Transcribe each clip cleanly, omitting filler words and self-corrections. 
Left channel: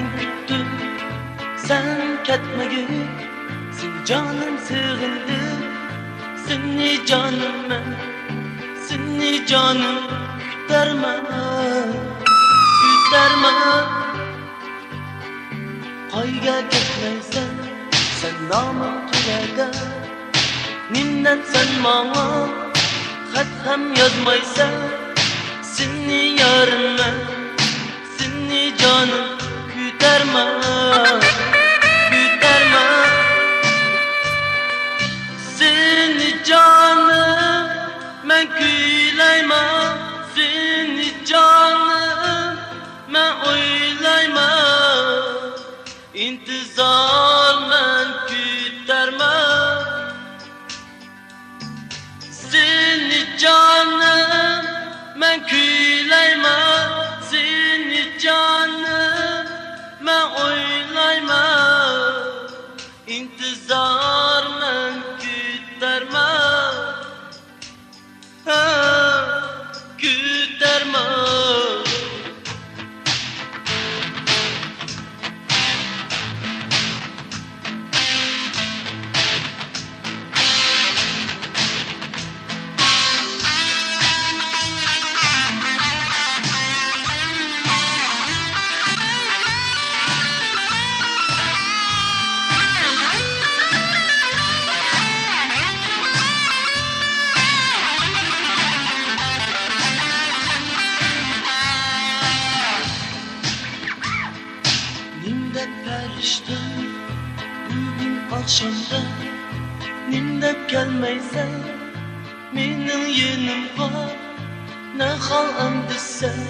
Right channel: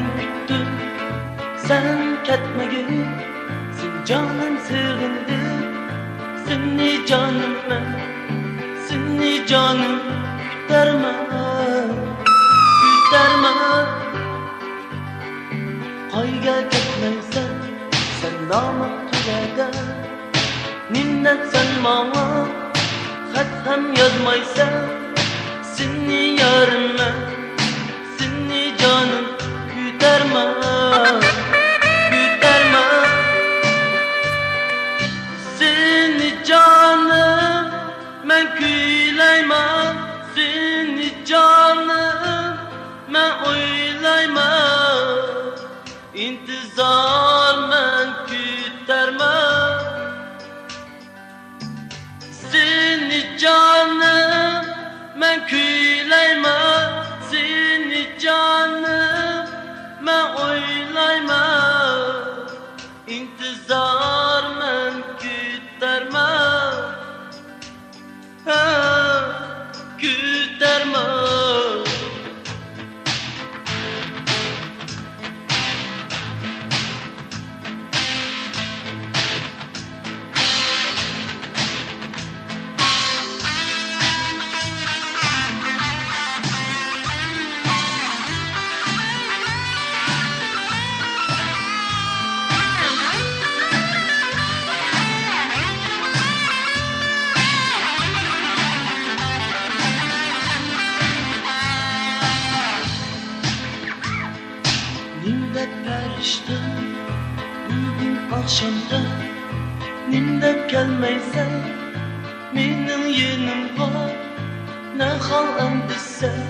men kutdim sen ketmagin, sen jonim sig'indim, seni jonim men, seni jonim kutarman, kutarman. Qayga ketmaysan, sen nomim turagan, minnat sen manga, xat ham yozmaysan, seni yarimman, seni jonim kutarman, kutarman. Seni jonim men kuylayman, seni jonim men o'ylayman, intizor men kutarman. Seni jonim men kuylayman, seni jonim men o'ylayman, intizor men kutarman, kutarman. Nimdep periştim bugün akşamda, nimdep gelmeysen mening yanımga, ne hal endi sen,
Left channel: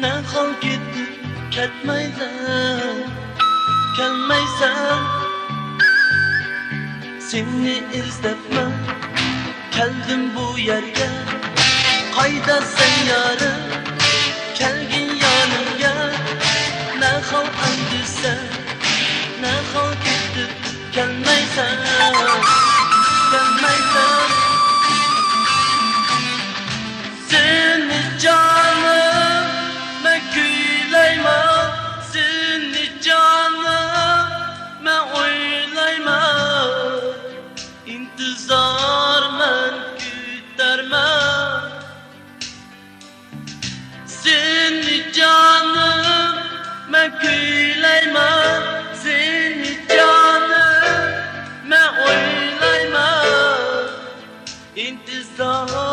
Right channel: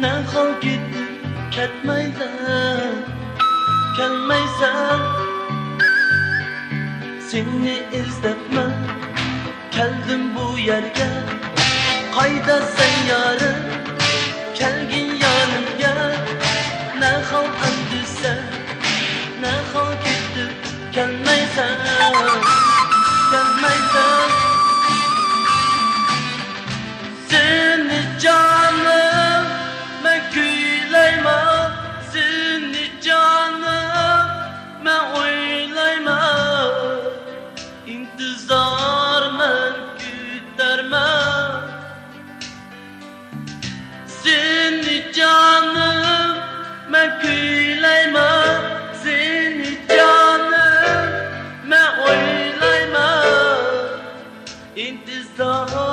ne hal ketib ketmaysan, kelmaysan. Seni izlabman keldim bu yerga, qayda sen yarim, kelgin yanımga. Ne hal endi sen, ne hal ketib kelmaysan, kelmaysan. Seni jonim men kuylayman, seni jonim men o'ylayman, intizor men kutarman. Seni jonim men kuylayman, seni jonim men o'ylayman, intizor